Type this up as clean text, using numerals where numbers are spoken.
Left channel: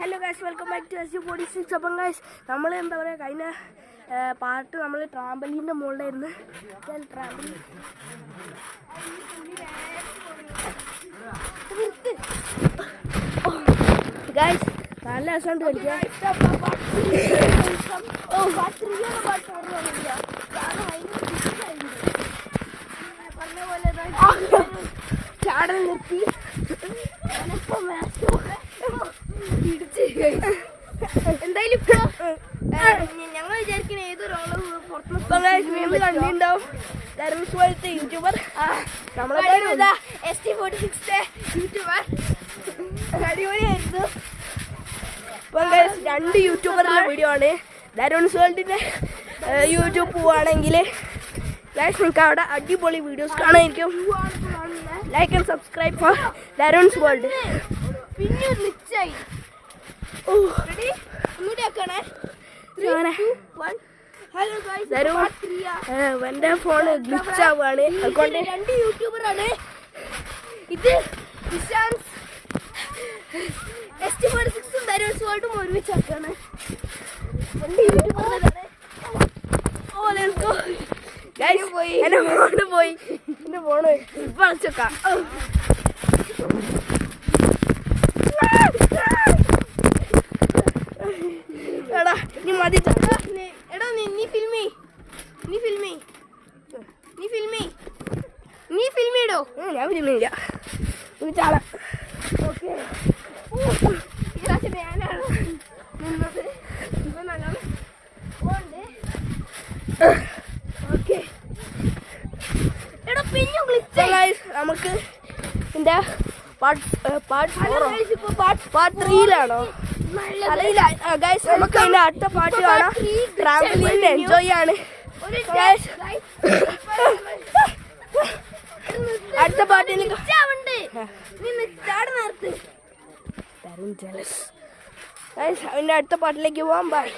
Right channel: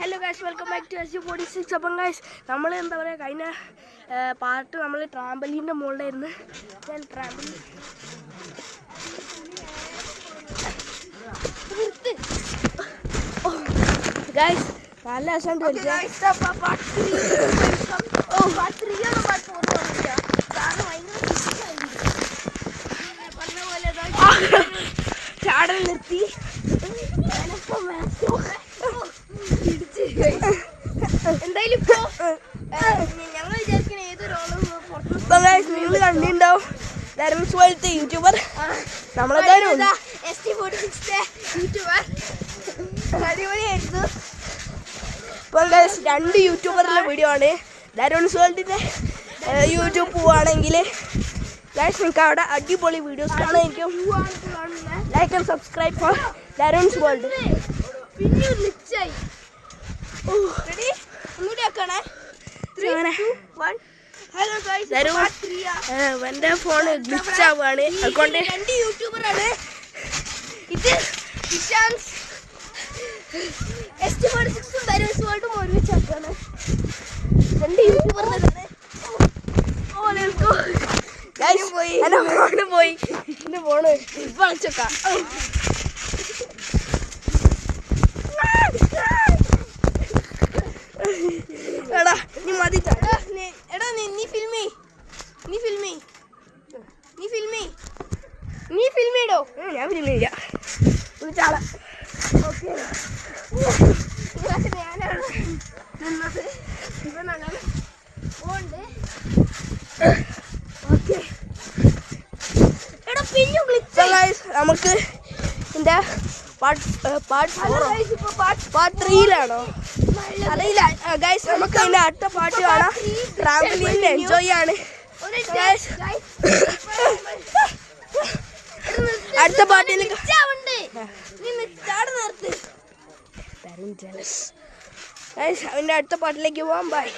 Hello guys, welcome back to SG46. അപ്പം guys, നമ്മൾ എന്താ പറയുക, കഴിഞ്ഞ പാർട്ട് നമ്മൾ ട്രാമ്പലീൻ്റെ മുകളിലായിരുന്നു. ഞാൻ ട്രാമ്പലീൻ ഗൈസ് നല്ല രസമുണ്ട് കളിക്കാൻ. ചാടൽ നിർത്തി. എന്തായാലും ഞങ്ങൾ വിചാരിക്കണ ഏതൊരാളും കണ്ടിട്ടുണ്ടാവും. ലാരൻസ് പോലത്തെ യൂട്യൂബർ അടിപൊളിയായിരുന്നു. ഇപ്പം രണ്ട് യൂട്യൂബറിലെ വീഡിയോ ആണ്. ലാരൻസ് വേൾഡിൻ്റെ യൂട്യൂബ് പോവുകയാണെങ്കിൽ നിങ്ങൾക്ക് അവിടെ അടിപൊളി വീഡിയോസ് കാണാനായിരിക്കും. Like and subscribe for Lawrence world. എന്റെ ഫോണ് ഗ്ലിച്ച് ആവുകയാണ്. അതുകൊണ്ട് രണ്ട് യൂട്യൂബറാണ്. ഇത് SG46 ലാരൻസ് വേൾഡും ഒരുമിച്ചാക്കാണ്. രണ്ട് യൂട്യൂബറാണ്. എന്റെ ഫോണ് പോയി. എന്റെ ഫോണ് ഇപ്പൊ അടച്ചേക്കാം. എടാ നീ മതി. എടാ നീ ഫിൽമേ ഇടോ. ഞാൻ ഫിൽമില്ല. ചാള ഓക്കെ. ഞാനാണ് നിന്നത്. ഇപ്പൊ ഞങ്ങൾ പോണ്ട്. ഓക്കെ എടാ പിന്നെ നമുക്ക് ഇതിന്റെ പാർട്ട് 3-ലാണോ അറിയില്ല ഗൈസ്. നമുക്ക് ഇതിന്റെ അടുത്ത പാട്ട് കാണാം. ട്രാവലിംഗ് എൻജോയ് ആണ് അടുത്ത പാട്ടിൽ. അതിന്റെ അടുത്ത പാട്ടിലേക്ക് പോവാം. ബൈ.